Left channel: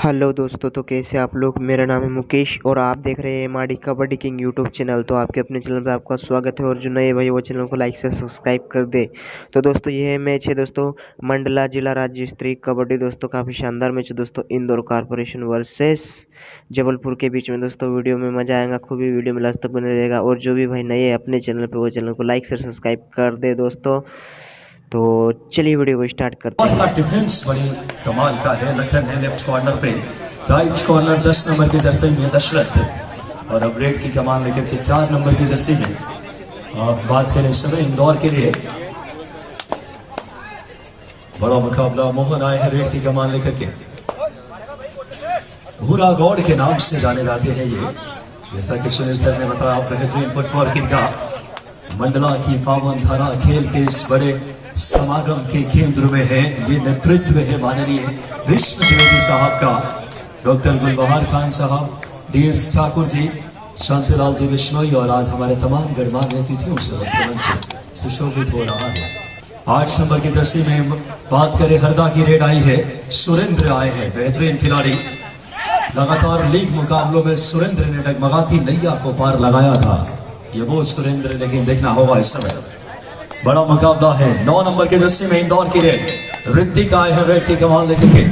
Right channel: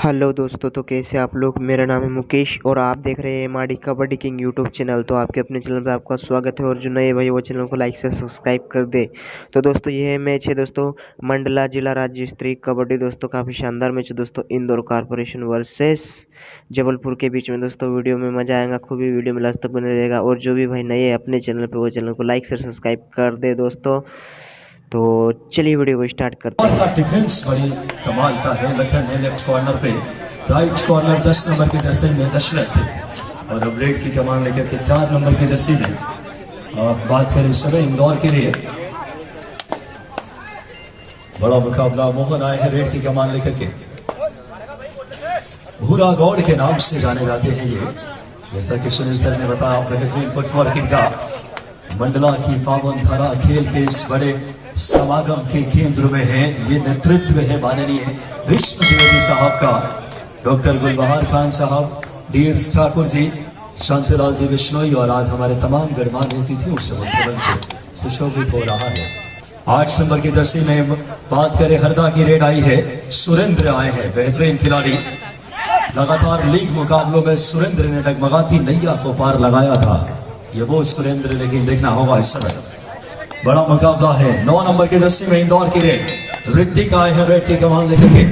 Hello दोस्तों, तो कैसे आप लोग। मेरा नाम है मुकेश और आप देख रहे हैं MRD kabaddi king YouTube channel. तो आपके अपने चैनल पे आपका स्वागत है और जो नए भाई वो चैनल को लाइक से सब्सक्राइब कर दे। तो दोस्तों ये मैच है दोस्तों मंडला जिला राज्य स्तरीय कबड्डी। दोस्तों काफ़ी शानदार मैच है दोस्तों, इंदौर कॉर्पोरेशन वर्सेस जबलपुर के बीच में। दोस्तों वीडियो में मज़ा आएगा, खूब ही वीडियो में लास्ट तक बने रहेगा। और जो भी भाई नए है अपने चैनल पर वो चैनल को लाइक से सब्सक्राइब कर दे दोस्तों। तो चलिए वीडियो को स्टार्ट करते हैं। डिफेंस बड़ी कमाल का है। लखन है लेफ्ट कॉर्नर पे, राइट कॉर्नर 10 नंबर की जर्सी में दशरथ है और अपग्रेड की कमान लेकर के 4 नंबर की जर्सी में बात करें सुबह इंदौर के लिए बड़ा मुकाबला। मोहन आए हैं रेड की कमान लेकर के, भूरा गौड़ के नाम से जाने जाते हैं ये। जैसा कि सुनील सर ने बताया, बेहतरीन फुटबॉल किंग का मंडला की पावन धारा खेल के इस बड़े समागम के केंद्र में है। ये नेतृत्व है माननीय विष्णु द्विवेदी साहब का, डॉक्टर गुलबहार खान साहब, डीएस ठाकुर जी, शांतिलाल जी बिश्नोई और आज हमारे तमाम गणमान्य अतिथियों से मुख्यमंत्री सुशोभित हो रहा है। 8 नंबर की जर्सी में बात करें हरदा की रेड आई है, सुरेंद्र आए हैं, बेहतरीन खिलाड़ी। लगातार लीग मुकाबलों में सुरेंद्र ने डगमगाती नैया को पार लगाया था। ये वो सुरेंद्र, लेकिन देखना होगा इस समय बड़ा मुकाबला है। 9 नंबर की जर्सी में इंदौर की रेड ऋतिक आए हैं, रेड की कमान लेकर के।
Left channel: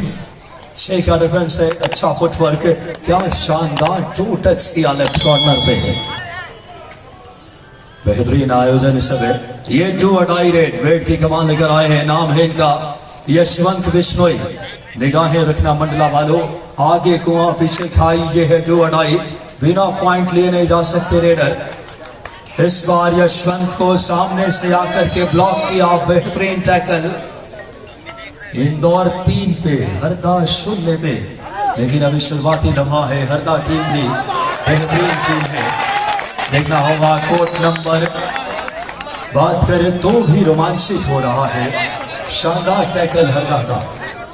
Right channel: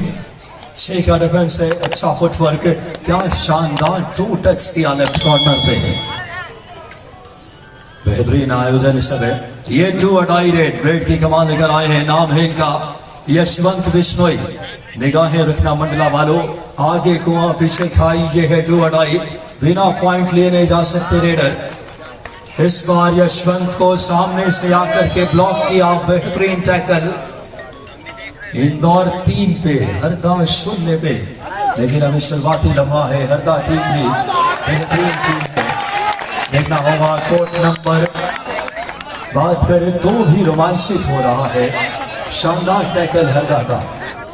6 का डिफेंस है, अच्छा फुटवर्क, क्या शानदार 2 टच किया लेफ्ट कॉर्नर पे है। बेहतरीन आयोजन इस समय। ये 2 अडाई रेड की कमान लेकर आए हैं। नाम है इनका यशवंत बिश्नोई। निगाहें रखना मंडला वालों, आगे कुआं पीछे खाई। ये है 2 अडाई, बिना पॉइंट लिए नहीं जा सकते रेडर। इस बार यशवंत को सामने से आकर के ब्लॉक किया, बेहतरीन टैकल। इंदौर 3 पे, हरदा 0 पे, लेकिन अभी शुरुआती लम्हा है। हरदा टीम भी बेहतरीन टीम है, देखना होगा कोर्ट नंबर। बात करें तो भी रोमांचित हो रहा है। शानदार टैकल हरदा का।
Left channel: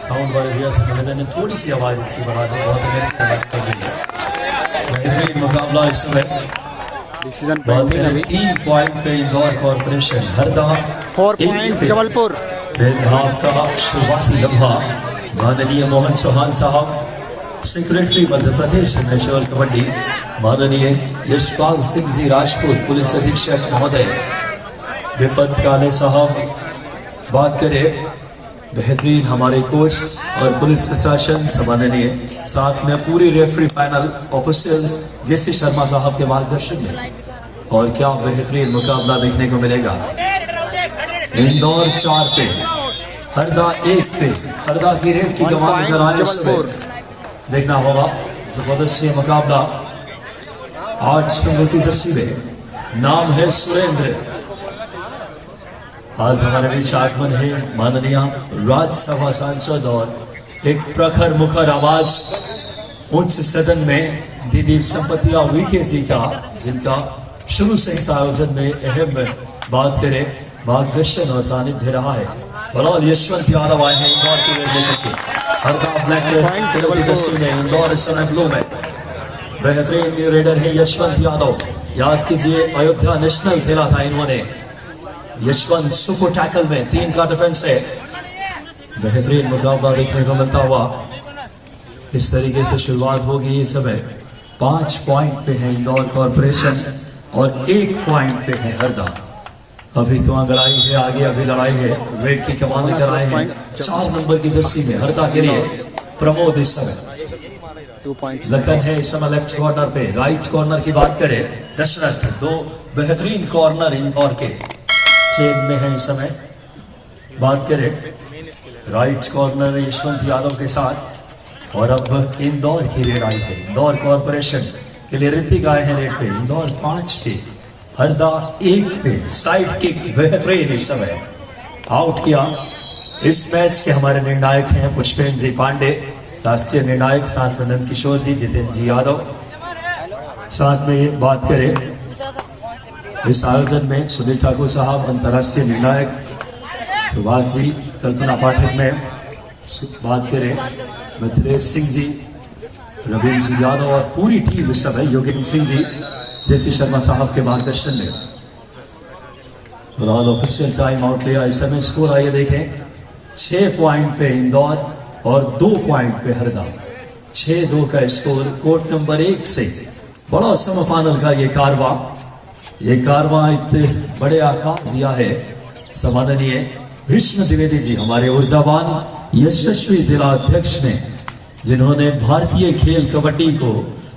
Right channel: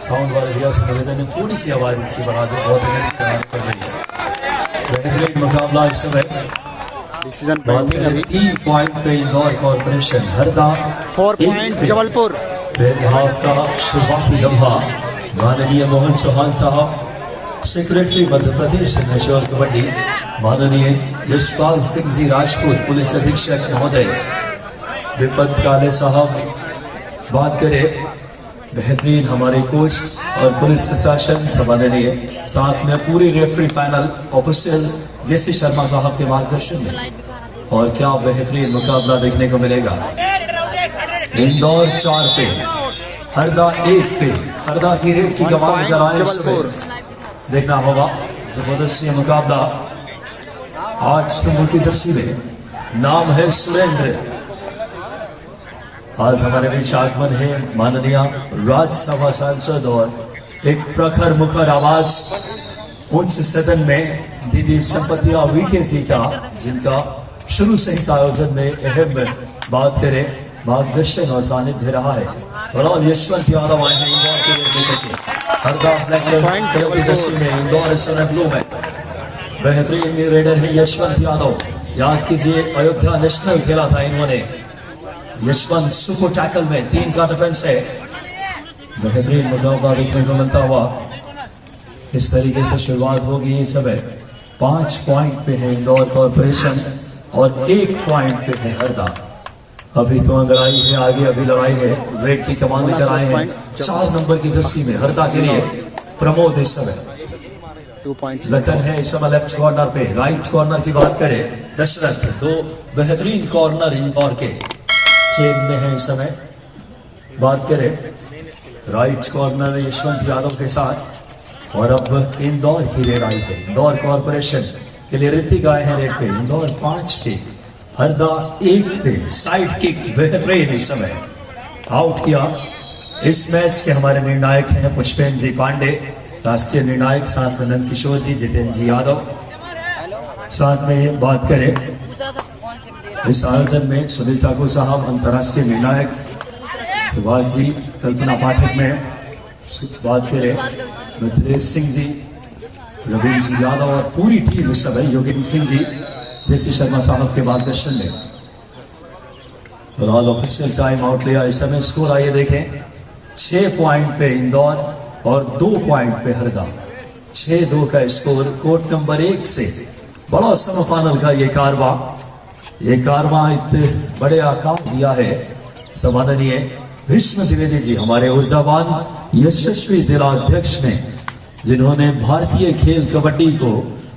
साउंड वाले भैया से मैंने थोड़ी सी आवाज इसकी बढ़ा दी, बहुत बेहतरीन मुकाबला इस समय। डिसीजन पेंडिंग अभी। 3 पॉइंट पे इंदौर कॉर्पोरेशन, हरदा 4 पॉइंट जबलपुर। भाव का शुरुआती लम्हा। माननीय मोहन चौहान साहब, सेक्रेटरी मध्य प्रदेश नेशनल कबड्डी, माननीय यशपाल सिंह जी राजपूत, पुलिस अधीक्षक महोदय, विपत काले साहब। बात करें बेहतरीन हमारे कोच और पुलिस प्रशासन संभालनीय, साथ में पूरी रेफरी पैनल ऑफिशियल जेसी शर्मा साहब के मार्गदर्शन में। और क्या बेहतरीन मुकाबला देखने को मिलेगा। इंदौर 4 पे, हरदा 1 पे। हरदा की रेड की कमान जबलपुर, देखना होगा जबरदस्त ये मुकाबला। 8 नंबर की जर्सी में नाम है सुरेंद्र। आज हमारे बीच आगमन है माननीय राज्यसभा सांसद और एक प्रखर मुखर आवाज उच्च सदन में दीदी संपतिया वीके जी का, जिनका शुरू से इस आयोजन में अहम बात करें मार्गदर्शन और सानिध्य रहा है। और यशवंत यादव आए हैं इंदौर के लिए लेकर के। हरदा ब्लैक में इंदौर इस समय ब्लू में। बेहतरीन रेडर है यशवंत यादव। याद कीजिए अयोध्या नेशनल खेला था इन्होंने। यशवंत सुपर टैकल में 3 का डिफेंस है। बेहतरीन मुकाबला देखने को मिलता हुआ इस तरीके से शुरुआत होगी। इस समय 5 पॉइंट पे है इंदौर कॉर्पोरेशन और 1 पॉइंट पे है हरदा। अभी तो लड़ाई है, आगे अभी लड़ाई है। रेड की कमान लेकर आए हैं 4 नंबर की जर्सी में हरदा के लिए प्रमोद। इस समय 2 पॉइंट लखन है इस समय लेफ्ट कॉर्नर पे। राइट कॉर्नर की बात करें दशरथ। 2 बेहतरीन कॉर्नर इंदौर के चेन में है इस समय। बात करें राइट कॉर्नर यशवंत यादव के साथ। और अब इंदौर की रेड आई है। इंदौर कॉर्पोरेशन के लिए ऋतिक आए हैं रेड पे। इंदौर 5 पे, हरदा 1 पे। साइड किक बेहतरीन इस समय आउट किया। इस मैच के हमारे निर्णायक हैं पुष्पेंद्र जी पांडे, राष्ट्रीय निर्णायक, साथ में नंद किशोर जी, जितेंद्र जी यादव। साथ में बात करें इस आयोजन में सुनील ठाकुर साहब अंतर्राष्ट्रीय निर्णायक, सुभाष जी, कल्पना पाठक ने। बात करें मथुरेश सिंह जी, रविंद्र सिंह यादव और पूरी टीम इस समय, योगेंद्र सिंह जी, जेसी शर्मा साहब के मार्गदर्शन में। और ऑल ऑफिशियल टाइम आउट लिया। इस समय स्कोर आइए देखें। 6 पॉइंट पे इंदौर और 2 पॉइंट पे हरदा। 6-2 का स्कोर कोर्ट नंबर 1 से। बड़ा सेमीफाइनल का ये कारवां इतने बड़े आकार दिया है सम्माननीय भीष्म द्विवेदी जी, हमारे ऊर्जावान यशस्वी जिलाध्यक्ष ने, जिन्होंने भारतीय खेल कबड्डी को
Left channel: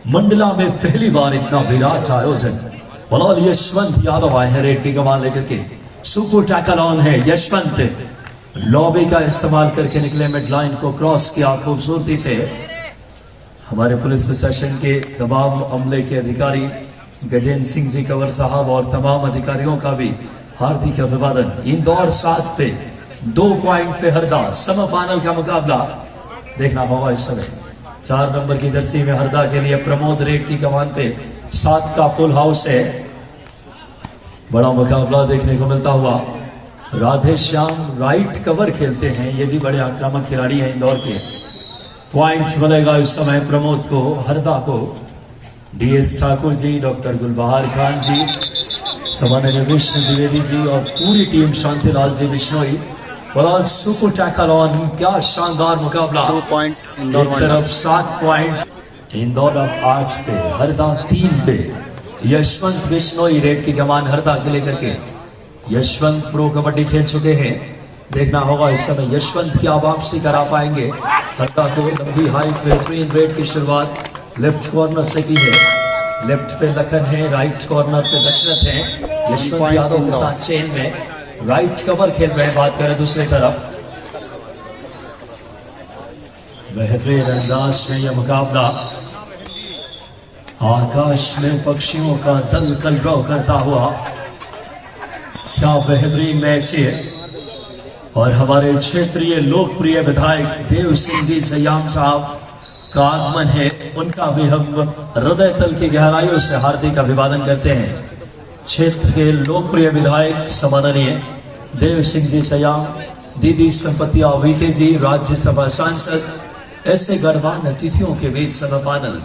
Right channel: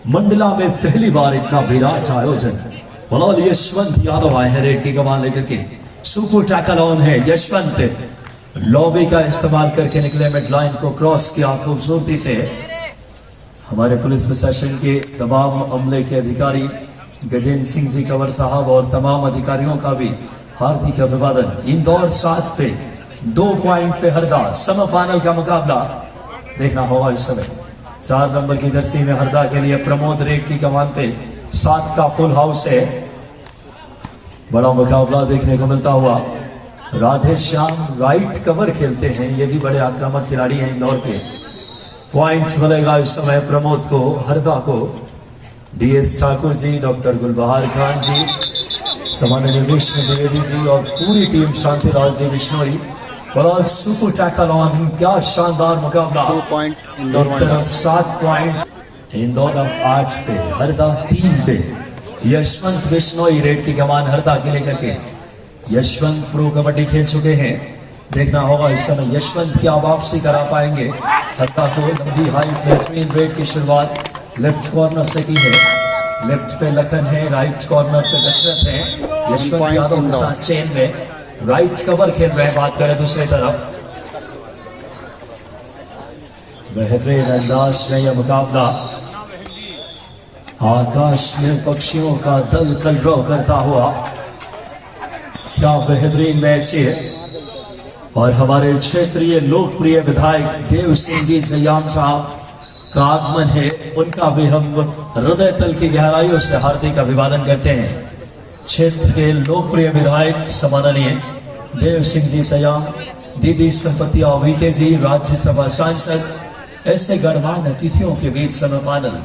मंडला में पहली बार इतना विराट आयोजन। बलौल यशवंत यादव आए हैं रेड की कमान लेकर के। सुपर टैकल ऑन है, यशवंत लॉबी का इस्तेमाल करके निकले, मिड लाइन को क्रॉस किया खूबसूरती से। हमारे पुलिस प्रशासन के तमाम अमले के अधिकारी गजेंद्र सिंह जी कंवर साहब और तमाम अधिकारियों का भी हार्दिक अभिवादन। इंदौर 7 पे 2 पॉइंट पे हरदा, सेमीफाइनल का मुकाबला देखना होगा इस समय। 4 नंबर की जर्सी में हरदा के लिए प्रमोद रेड की कमान पे 7 का फुल हाउस है। बड़ा मुकाबला देखने को मिलता हुआ। राधे श्याम राइट कवर खेलते हैं, ये भी बड़े आक्रामक खिलाड़ी हैं इंदौर के। पॉइंट मिलेगा इस समय प्रमोद को, हरदा को। डीएस ठाकुर जी, डॉक्टर गुलबहार खान जी, सम्माननीय विष्णु द्विवेदी जी और पूरी टीम, शांतिलाल जी बिश्नोई। बड़ा सुपर टैकल ऑन, क्या शानदार मुकाबला। 2 point Indore wonders. 7 point Indore अब 8 पे, हरदा 3 पे। यशवंत बिश्नोई रेड की कमान हरदा के लेकर के। यशवंत प्रो कबड्डी खेल चुके हैं, देखना होगा इस समय यशवंत क्या वापसी करा पाएंगे। हरदा को लंबी हाई बेहतरीन रेड की शुरुआत लेफ्ट कॉर्नर से की है। लेफ्ट पे लखन है, राइट कॉर्नर पे दशरथ है। यशवंत यादव के साथ चेन में राइट कवर खेल रहे हैं। बात करें दूसरी तरफ, बेहतरीन अंदाज में यह मुकाबला। आकाश में पक्षियों का दल कलरव करता हुआ, क्या बेहतरीन मैच है। और हमारे क्षेत्रीय लोकप्रिय विधायक देव सिंह जी सयाम साहब का आगमन है, उनका भी हम हृदय तल की गहराइयों से हार्दिक अभिवादन करते हैं। क्षेत्र के लोकप्रिय विधायक सम्माननीय देव सिंह जी सयाम, दीदी संपतिया वीके जी, राज्यसभा सांसद, ऐसे गणमान्य अतिथियों के बीच सेमीफाइनल।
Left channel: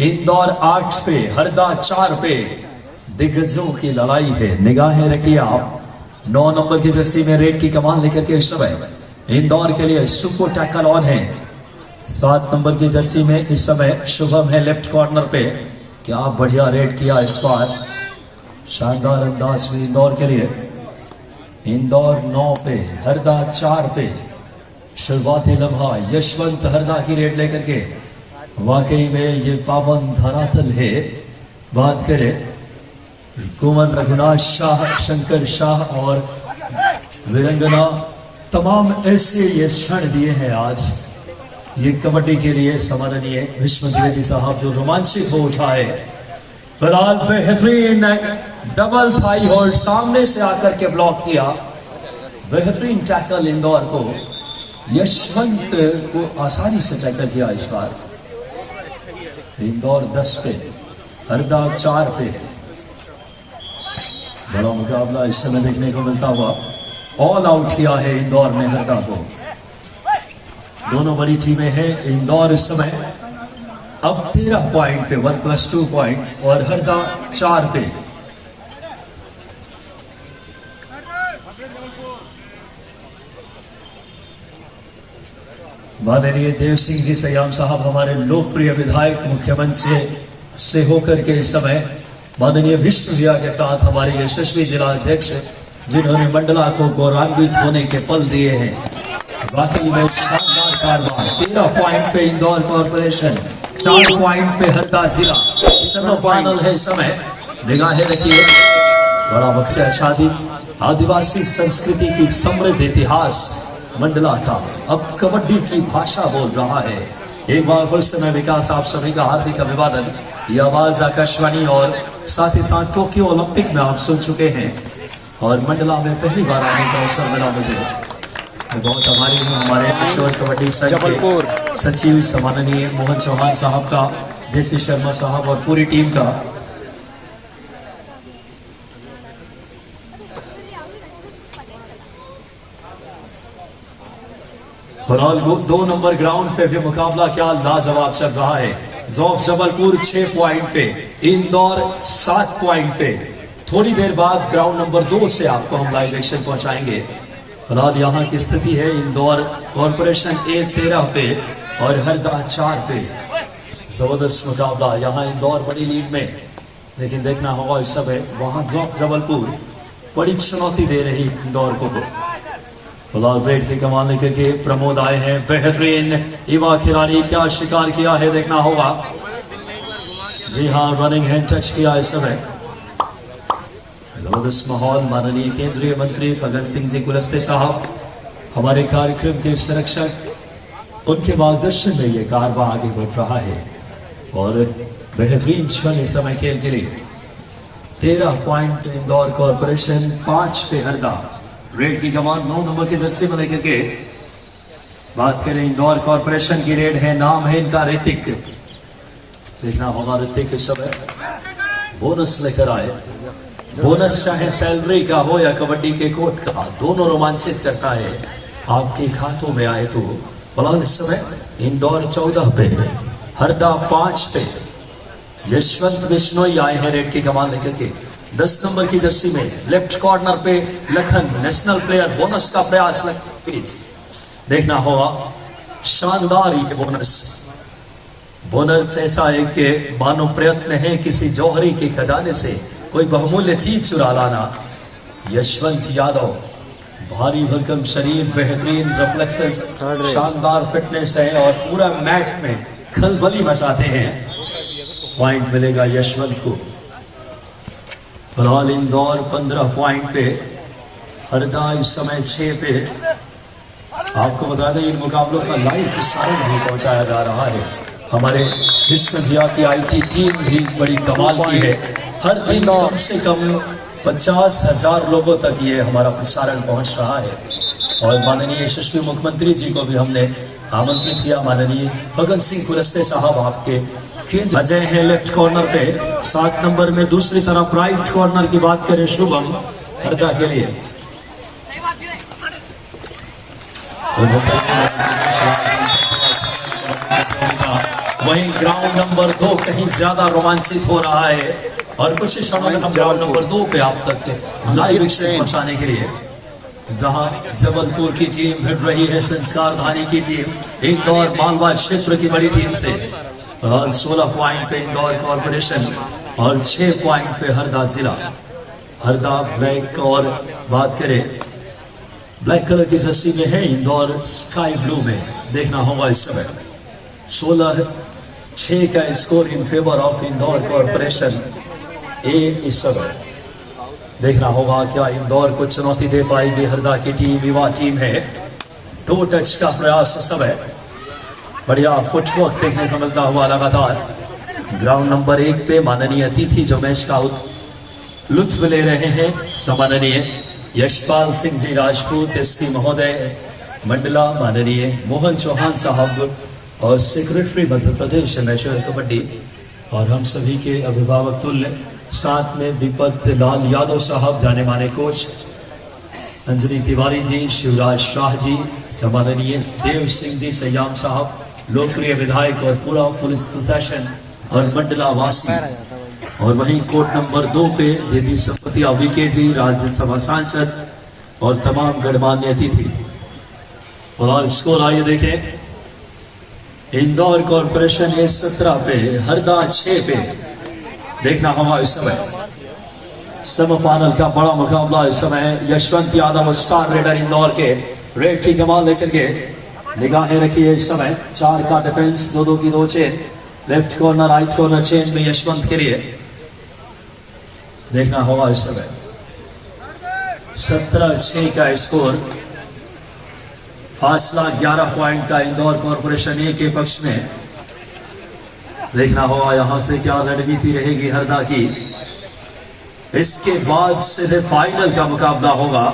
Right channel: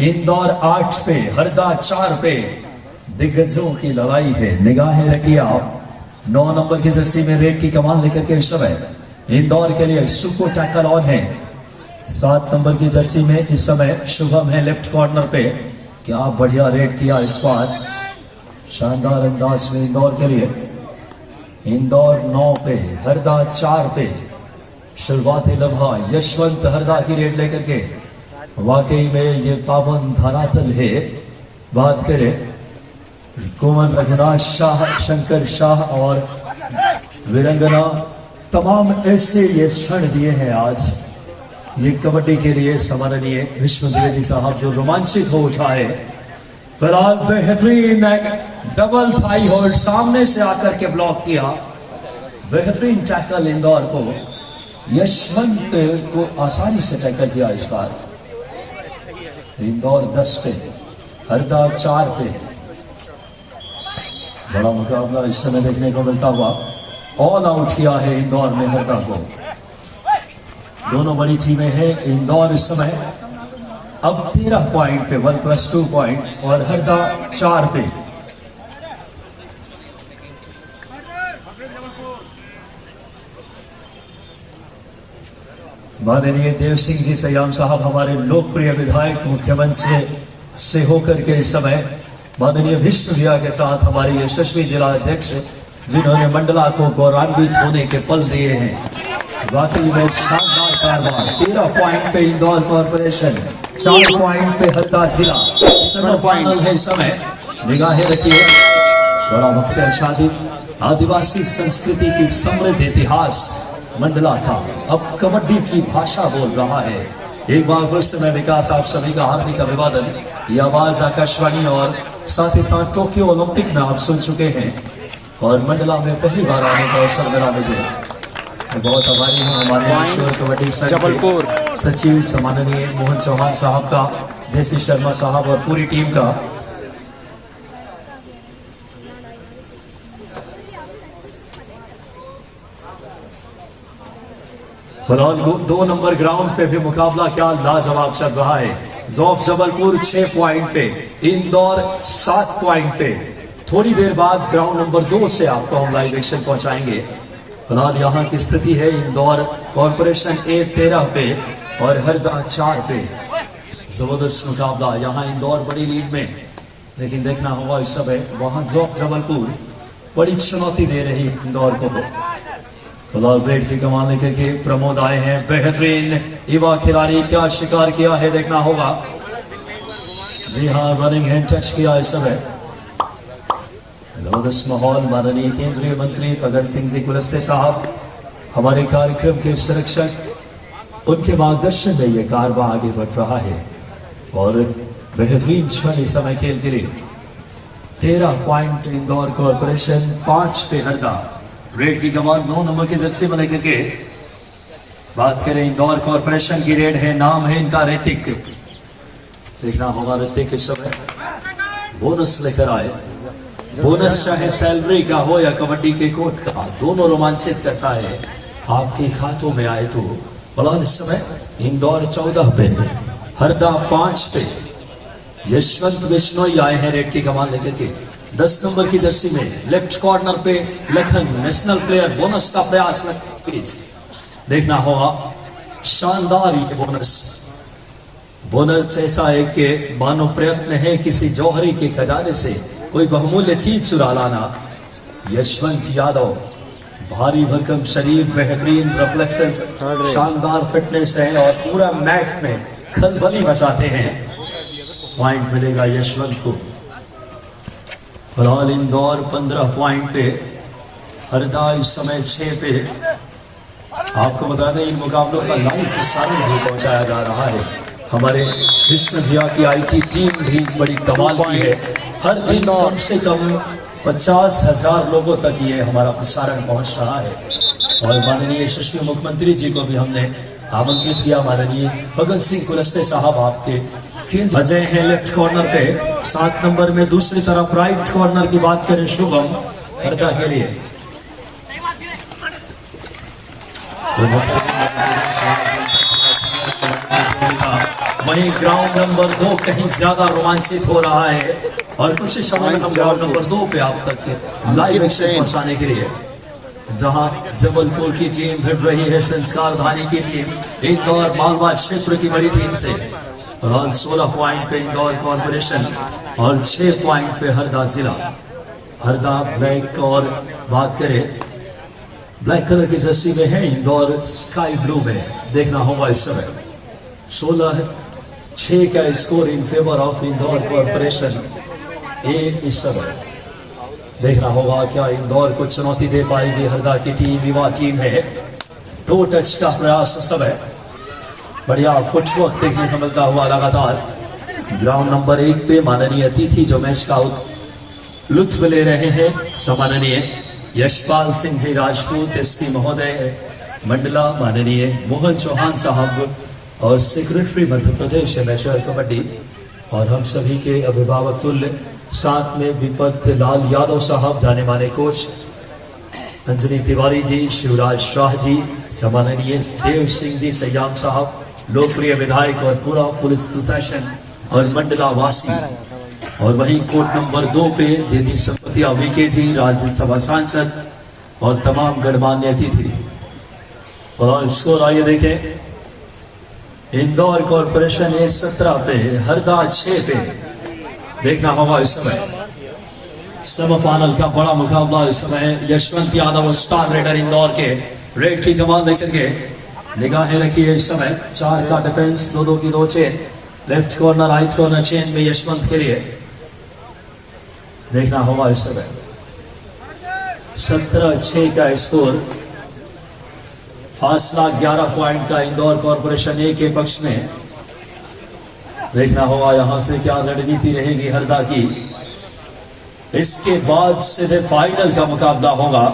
इंदौर 8 पे, हरदा 4 पे, दिग्गजों की लड़ाई है। निगाहें रखिए आप, 9 नंबर की जर्सी में रेड की कमान लेकर के इस समय इंदौर के लिए सुपर टैकल ऑन है। 7 नंबर की जर्सी में इस समय शुभम है लेफ्ट कॉर्नर पे। क्या बढ़िया रेड किया इस बार, शानदार अंदाज में इंदौर के लिए। इंदौर 9 पे, हरदा 4 पे। शुरुआती लम्हा यशवंत हरदा की रेड लेकर के। वाकई में ये पावन धरातल है। बात करें कुंवर रघुनाथ शाह, शंकर शाह और वीरंगना, तमाम ऐसे ये क्षण दिए हैं आज ये कबड्डी के लिए सम्माननीय भीष्म द्विवेदी साहब, जो रोमांचित हो उठा है। फिलहाल बेहतरीन डबल थाई होल्ड, सामने से आकर के ब्लॉक किया, बेहतरीन टैकल इंदौर को। यशवंत को आसानी से टैकल किया इस बार। इंदौर 10 पे, हरदा 4 पे। बड़ा मुकाबला इस समय देखने को मिलता हुआ। ऑल आउट किया है इंदौर ने हरदा को। दोनों बड़ी टीमें हैं। इंदौर इस समय अब 13 पॉइंट पे, 1+2 पॉइंट, और हरदा 4 पे। माननीय देव सिंह जी सयाम साहब, हमारे लोकप्रिय विधायक, मुख्यमंत्री से होकर के इस समय माननीय भीष्म भैया के साथ हमारे यशस्वी जिलाध्यक्ष, जिन्होंने मंडला को गौरवान्वित होने के पल दिए हैं। वाकई में शानदार कारवां। 13 पॉइंट पे इंदौर कॉर्पोरेशन, 4 पॉइंट पे हरदा जिला। सेमीफाइनल है इस समय, निगाहें रखिए। बड़ा मकसद आच्छादित आदिवासी संस्कृति की समृद्ध इतिहास मंडला था, अब कबड्डी की भाषा बोल रहा है। एक बार फिर से मैं विकास आप सभी का हार्दिक अभिवादन। ये आवाज आकाशवाणी और साथ ही साथ टोक्यो ओलंपिक में आप सुन चुके हैं, और मंडला में पहली बार आने का अवसर मिला मुझे। बहुत आभारी हूँ हमारे किशोर कबड्डी संघ जबलपुर सचिव सम्माननीय मोहन चौहान साहब का, जैसी शर्मा साहब और पूरी टीम का। फिलहाल 2 नंबर ग्राउंड पे भी मुकाबला क्या लाजवाब चल रहा है। जोफ जबलपुर 6 पॉइंट पे, इंदौर 7 पॉइंट पे। थोड़ी देर बाद ग्राउंड नंबर 2 से आपको हम लाइव एक्शन पहुंचाएंगे। फिलहाल यहाँ की स्थिति है, इंदौर कॉर्पोरेशन A 13 पे, और हरदा 4 पे। जबरदस्त मुकाबला यहाँ इंदौर बड़ी लीड में, लेकिन देखना होगा इस समय वहां जबलपुर बड़ी चुनौती दे रही इंदौर को। फिलहाल ग्रेड की कमान लेकर के प्रमोद आए हैं, बेहतरीन युवा खिलाड़ी, क्या शिकार किया है देखना होगा। जी हाँ, रनिंग हैंड टच किया इस समय। जबरदस्त माहौल। माननीय केंद्रीय मंत्री भगत सिंह जी कुलस्ते साहब हमारे कार्यक्रम के संरक्षक, उनके मार्गदर्शन में यह कारवा आगे बढ़ रहा है और बेहतरीन क्षण इस समय खेल के लिए। 13 पॉइंट इंदौर कॉर्पोरेशन, 5 पे हरदा। रेड की कमान 9 नंबर की जर्सी में लेकर के बात करें इंदौर कॉर्पोरेशन की रेड है, नाम है इनका ऋतिक। देखना होगा ऋतिक इस समय बोनस लेकर आए। बोनस चाहे सैलरी का हो या कबड्डी के कोर्ट का, दोनों रोमांचित करता है आपके खातों में आए तो। फिलहाल इस समय इंदौर 14 पे, हरदा 5 पे। यशवंत बिश्नोई आए हैं रेड की कमान लेकर के 10 नंबर की जर्सी में। लेफ्ट कॉर्नर पे लखन, नेशनल प्लेयर, बोनस का प्रयास। देखना होगा शानदार ये बोनस ऐसा है कि मानो प्रयत्न है किसी जौहरी के खजाने से कोई बहुमूल्य चीज चुरा लाना। यशवंत यादव, भारी भरकम शरीर, बेहतरीन रिफ्लेक्सेस, शानदार फिटनेस है और पूरा मैट में खलबली मचाते हैं। पॉइंट मिलेगा यशवंत को। फिलहाल इंदौर 15 पॉइंट पे, हरदा इस समय 6 पे। आपको बता दें इन मुकाबलों का लाइव प्रसारण भी पहुंचाया जा रहा है। हमारे विष्णु भैया की आईटी टीम भी बड़ी कमाल की है। हर दिन कम से कम 50,000 लोगों तक ये हमारा प्रसारण पहुंच रहा है। और माननीय यशस्वी मुख्यमंत्री जी को भी हमने आमंत्रित किया। माननीय भगत सिंह कुलस्ते साहब आपके अजय है लेफ्ट कॉर्नर पे, 7 नंबर में। दूसरी तरफ राइट कॉर्नर की बात करें शुभम, हरदा के लिए। वहीं ग्राउंड नंबर 2 कहीं ज्यादा रोमांचित हो रहा है और कुछ समय हम ग्राउंड नंबर 2 पे आप तक लाइव पहुंचाने के लिए, जहां जबलपुर की टीम भिड़ रही है संस्कार धानी की टीम इंदौर मालवा क्षेत्र की बड़ी टीम से। 16 पॉइंट पे इंदौर कॉर्पोरेशन और 6 पॉइंट पे हरदा जिला। हरदा ब्लैक, और बात करें ब्लैक कलर की जर्सी में है, इंदौर स्काई ब्लू में। देखना होगा इस समय 16-6 का score in favour of Indore corporation A इस समय। देखना होगा क्या इंदौर को चुनौती दे पाएगी हरदा की टीम। युवा टीम है, 2 टच का प्रयास इस समय। बढ़िया फुटवर्क देखने को मिलता हुआ लगातार। ग्राउंड नंबर 1 पे माननीय अतिथि जो मैच का लुत्फ ले रहे हैं, सम्माननीय यशपाल सिंह जी राजपूत, एसपी महोदय मंडला, माननीय मोहन चौहान साहब और सेक्रेटरी मध्य प्रदेश नेशनल कबड्डी, और हम सभी के अभिभावक तुल्य, साथ में दीपक लाल यादव साहब, जाने माने कोच अंजनी तिवारी जी, शिवराज शाह जी, सम्माननीय देव सिंह जी सयाम साहब, लोकप्रिय विधायक और पूरा पुलिस प्रशासन और मंडला वासी। और वहीं कोर्ट नंबर 2 पे दीदी संपतिया वीके जी, राज्यसभा सांसद और तमाम गणमान्य अतिथि। और स्कोर आइए देखें, इंदौर कॉर्पोरेशन है 17 पे, हरदा 6 पे। देखना होगा इस समय सेमीफाइनल का बड़ा मुकाबला इस समय। यशवंत यादव स्टार रेडर इंदौर के रेड की कमान लेकर के निगाहें रखिए इस समय। 4 का डिफेंस, 2-2 की 2 chain, left corner right corner chain में यशवंत के लिए। देखना होगा इस समय 17-6 का स्कोर। फासला 11 पॉइंट का इंदौर कॉर्पोरेशन ए के पक्ष में। देखना होगा यहां से क्या रणनीति रहेगी हरदा की। इसके बाद सीधे फाइनल का मुकाबला होगा।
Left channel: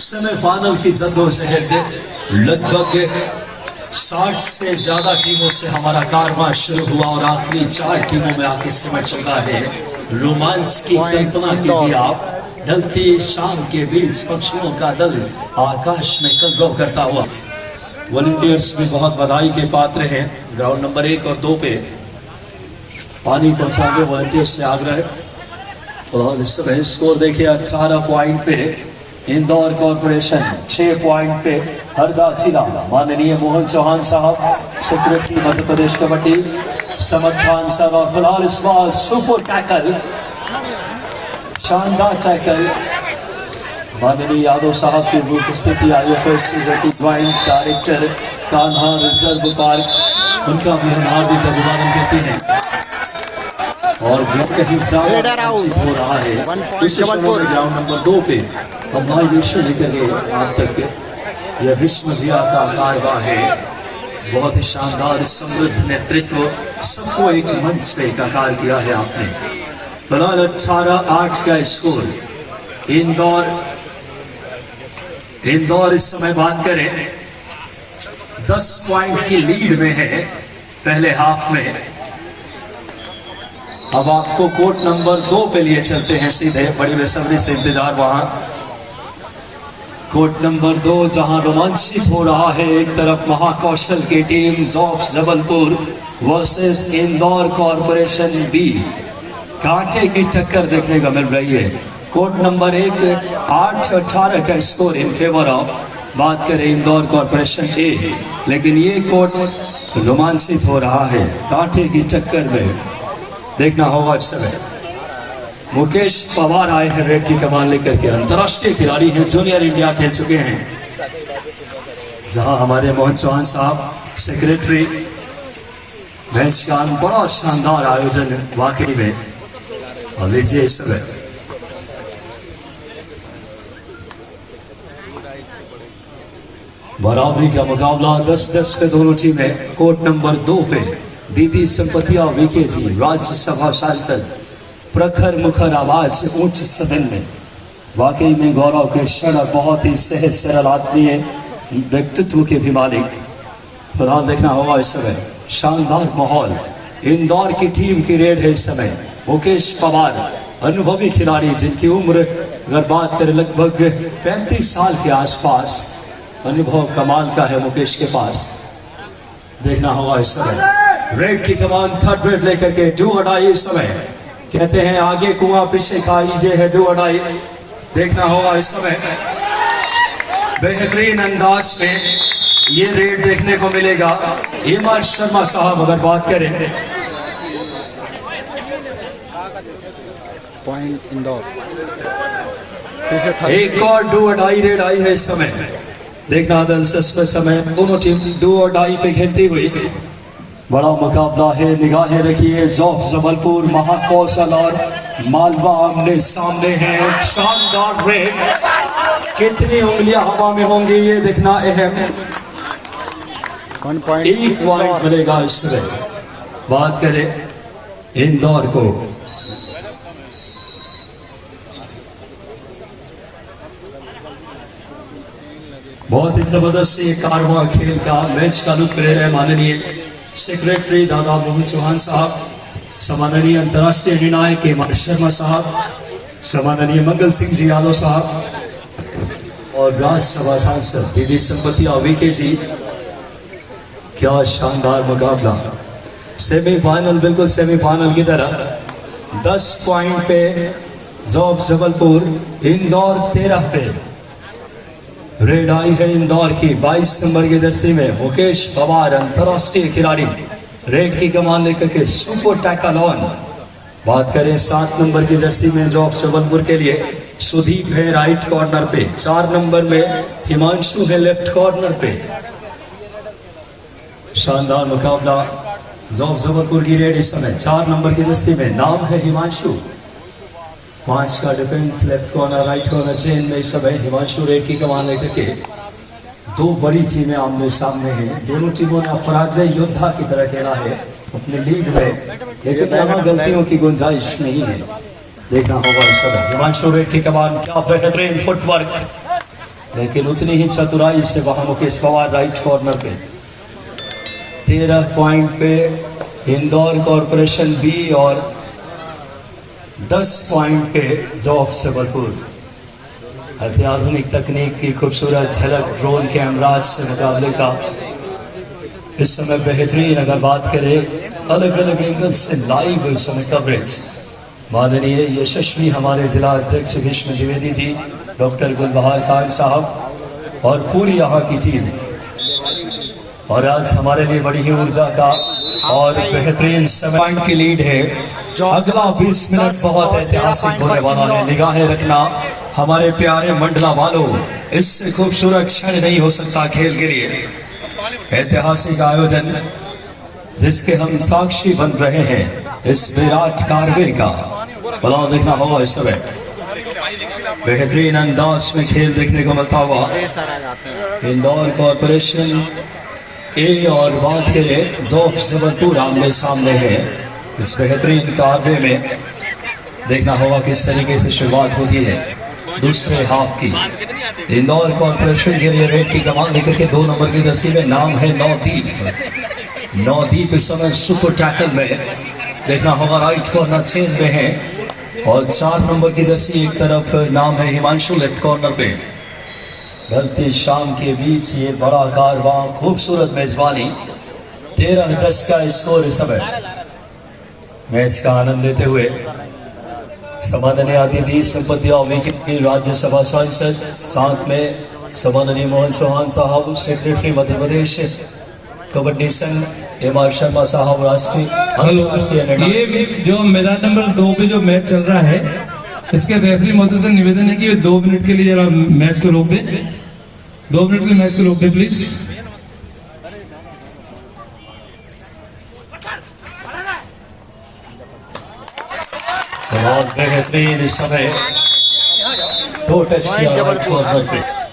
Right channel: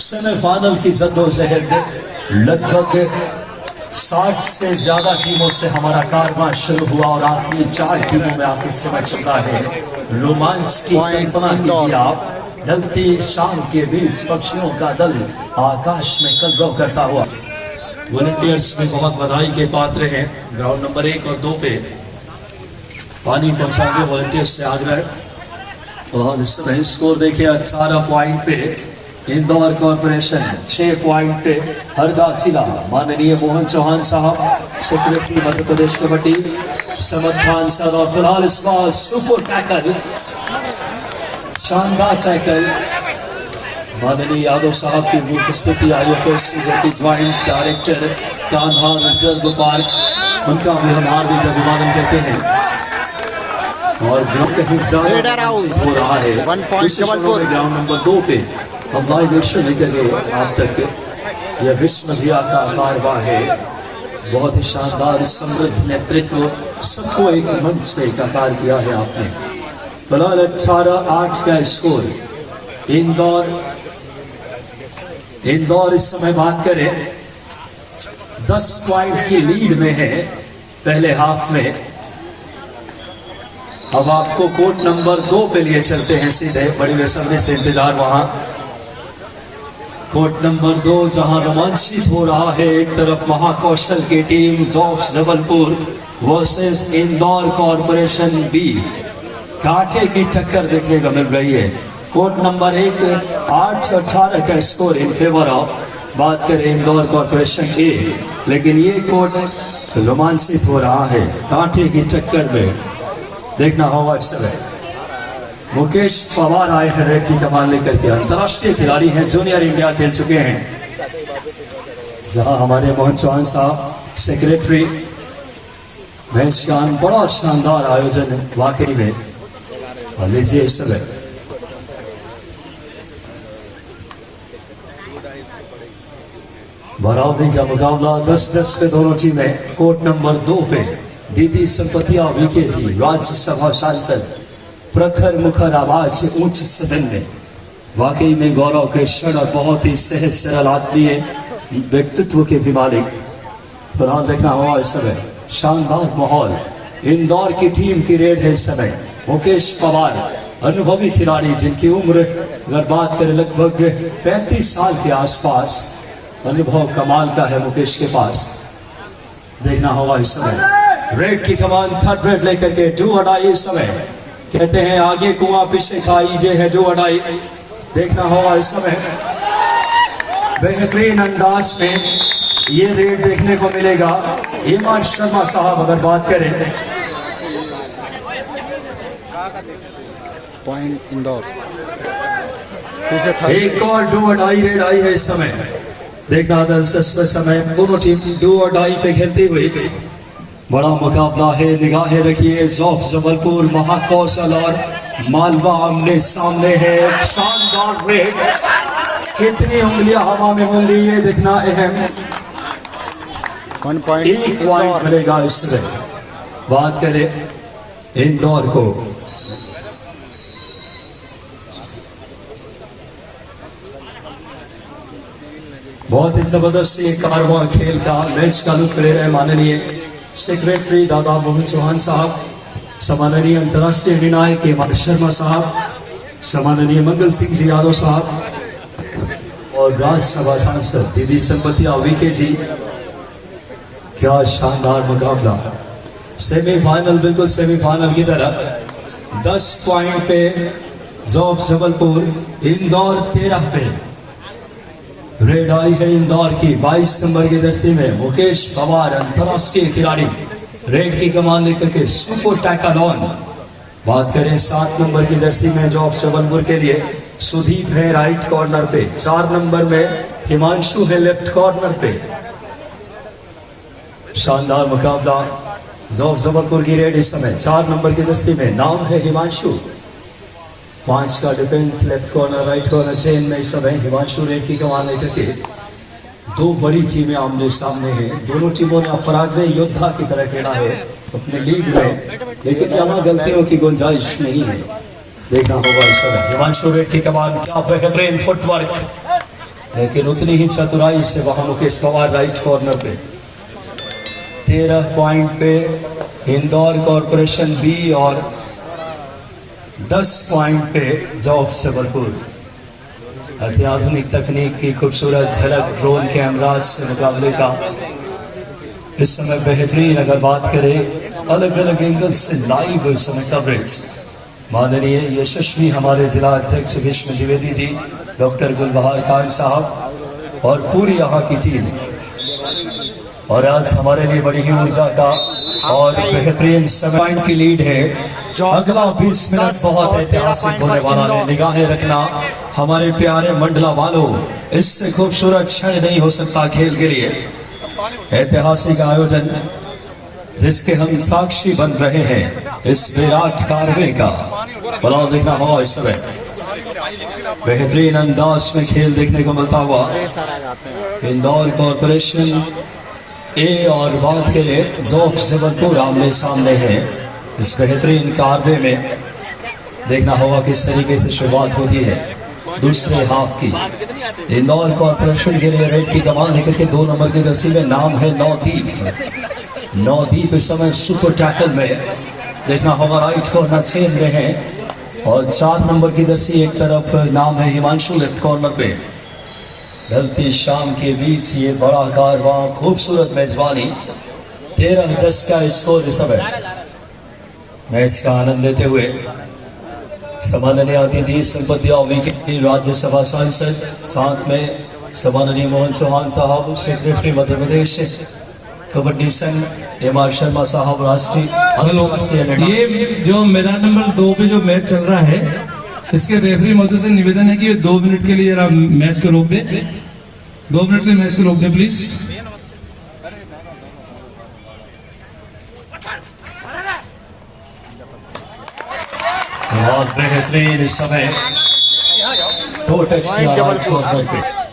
सेमीफाइनल की जद्दोजहद लगभग 60 से ज्यादा टीमों से हमारा कारवां शुरू हुआ और आखिरी 4 टीमों में आके समझ चुका है। रोमांच की कल्पना कीजिए आप, ढलती शाम के बीच पक्षियों का दल आकाश में कलरव करता हुआ। वॉलंटियर्स में बहुत बधाई के पात्र हैं। ग्राउंड नंबर 1 और 2 पे पानी पहुंचाने वॉलंटियर्स से आग्रह। और इस समय स्कोर देखिए 18 पॉइंट पे इंदौर कॉर्पोरेशन, 6 पॉइंट पे हरदा जिला। माननीय मोहन चौहान साहब सेक्रेटरी मध्य प्रदेश कबड्डी समद खान सर और फिलहाल इस बार सुपर टैकल, शानदार टैकल माननीय यादव साहब की उपस्थिति, IFS की joint director Kanha reserve park, उनका भी हम हार्दिक अभिवादन करते हैं। और कहीं ज्यादा हो रहा है ग्राउंड नंबर 2 पे हम लाइव लेकर गए आप तक। यह विश्वविद्या का कारवा है, बहुत ही शानदार समृद्ध नेतृत्व, सबको एक मंच पे एकाकार किया है आपने। फिलहाल 18-8 का स्कोर। इंदौर इस समय बात करें 10 पॉइंट की लीड में है पहले हाफ में। अब आपको कोर्ट नंबर 2 पे लिए चलते हैं सीधे, बड़ी बेसब्री से इंतजार वहां। कोर्ट नंबर 2 जहां रोमांचित हो रहा है, एक तरफ महाकौशल की team jobs Jabalpur versus Indore corporation B, कांटे की टक्कर देखने को मिल रही है। कोर्ट नंबर 1 8-18 का स्कोर इन फेवर ऑफ, बात करें इंदौर कॉरपोरेशन ए, लेकिन ये कोर्ट रोमांचित हो रहा है कांटे की टक्कर में। देखना होगा अक्सर मुकेश पवार आए हैं रेड की कमान लेकर के, अंतर्राष्ट्रीय खिलाड़ी हैं, जूनियर इंडिया खेल चुके हैं। जहां हमारे मोहन चौहान साहब सेक्रेटरी, मैच का बड़ा शानदार आयोजन वाकई में। और लीजिए इस समय बराबरी का मुकाबला 10-10 पे दोनों टीमें। कोर्ट नंबर 2 पे दीदी संपतिया विके जी, राज्यसभा सांसद, प्रखर मुखर आवाज उच्च सदन में, वाकई में गौरव के क्षण, बहुत ही सहज सरल आत्मीय व्यक्तित्व के भी मालिक। फिलहाल देखना होगा इस समय शानदार माहौल। इंदौर की टीम की रेड है इस समय। मुकेश पवार अनुभवी खिलाड़ी, जिनकी उम्र अगर बात करें लगभग 35 साल के आसपास, अनुभव कमाल का है मुकेश के पास। देखना होगा इस समय रेड की कमान थर्ड रेड लेकर के डू अडाई। इस समय कहते हैं आगे कुआं पीछे खाई, ये है डू अडाई। देखना होगा इस समय बेहतरीन अंदाज में ये रेड देखने को मिलेगा। हेमंत शर्मा साहब अगर बात करें, पॉइंट इंदौर, एक और डू अडाई रेड आई है इस समय। देखना दिलचस्प समय, दोनों टीम डू और डाई पे खेलती हुई, बड़ा मुकाबला है। निगाहें रखिए, जॉफ जबलपुर, महाकौशल और मालवा आमने सामने है। शानदार रेड, कितनी उंगलियां हवा में होंगी ये देखना अहम। 1 पॉइंट एक पॉइंट मिलेगा इसमें। बात करें इंदौर को, बहुत ही जबरदस्त ये कारवां खेल का मैच का लुत्फ ले रहे माननीय सेक्रेटरी दादा मोहन चौहान साहब, सम्माननीय अंतर्राष्ट्रीय निर्णायक हेमंत शर्मा साहब, सम्माननीय मंगल सिंह जी यादव साहब और राज्यसभा सांसद दीदी संपतिया विके जी। क्या शानदार मुकाबला, सेमीफाइनल, बिल्कुल सेमीफाइनल की तरह। 10 पॉइंट पे जॉब जबलपुर, इंदौर 13 पे। रेड आई है इंदौर की 22 नंबर की जर्सी में। मुकेश पवार अंतर्राष्ट्रीय खिलाड़ी रेड की कमान लेकर के सुपर टैकल ऑन। बात करें 7 नंबर की जर्सी में जॉब जबलपुर के लिए सुदीप है राइट कॉर्नर पे। 4 नंबर में हिमांशु है लेफ्ट कॉर्नर पे। शानदार मुकाबला, जॉब जबलपुर की रेड इस समय 4 नंबर की जर्सी में, नाम है हिमांशु। 5 का defence, left corner right corner chain में इस समय हिमांशु रेड की कमान लेकर के। 2 बड़ी टीमें आमने सामने हैं। दोनों टीमों ने अपराजय योद्धा की तरह खेला है अपने लीग में, लेकिन यहाँ गलतियों की गुंजाइश नहीं है। देखना होगा इस समय हिमांशु रेड की कमान, क्या बेहतरीन फुटवर्क, लेकिन उतनी ही चतुराई से वहां मुकेश पवार राइट कॉर्नर पे। 13 पॉइंट पे इंदौर कॉरपोरेशन बी और 10 पॉइंट पे जॉब जबलपुर। अत्याधुनिक तकनीक की खूबसूरत झलक ड्रोन कैमराज से मुकाबले का इस समय बेहतरीन। अगर बात करें अलग अलग एंगल से लाइव इस समय कवरेज, माननीय यशस्वी हमारे जिला अध्यक्ष विष्णु द्विवेदी जी, डॉक्टर गुलबहार खान साहब और पूरी यहाँ की टीम। और आज हमारे लिए बड़ी ही ऊर्जा का और बेहतरीन समय पॉइंट की लीड है। अगला 20 मिनट बहुत ऐतिहासिक होने वाला है। निगाहें रखना हमारे प्यारे मंडला वालों, इससे खूबसूरत क्षण नहीं हो सकता खेल के लिए। ऐतिहासिक आयोजन जिसके हम साक्षी बन रहे हैं, इस विराट कारवे का भला देखना होगा। इस समय बेहतरीन अंदाज में खेल देखने को मिलता हुआ इंदौर कॉरपोरेशन ए और बात करें जोफ जबलपुर आमने सामने है। इस बेहतरीन कारवे में देखना होगा किस तरीके से शुरुआत होती है दूसरे हाफ की। इंदौर कॉरपोरेशन के लिए रेड की कमान लेकर के 2 नंबर की जर्सी में नाम है नौदीप। नौदीप इस समय सुपर टैकल में देखना होगा राइट कॉर्नर चेन में है और 4 नंबर की जर्सी एक तरफ नाम है हिमांशु लेफ्ट कॉर्नर पे। ढलती शाम के बीच ये बड़ा कारवां, खूबसूरत मेजबानी, 13-10 का स्कोर इस समय। मैच का आनंद लेते हुए सम्माननीय अतिथि संपत्ति के राज्यसभा सांसद, साथ में सम्माननीय मोहन चौहान साहब सेक्रेटरी मध्य प्रदेश कबड्डी संघ, एम.आर. शर्मा साहब राष्ट्रीय। ये जो मैदान नंबर 2 पे जो मैच चल रहा है, इसके रेफरी महोदय से निवेदन है कि 2 मिनट के लिए जरा मैच को रोक दे। 2 मिनट के लिए मैच को रोक दे प्लीज। बहुत बेहतरीन इस समय 2 टच किया।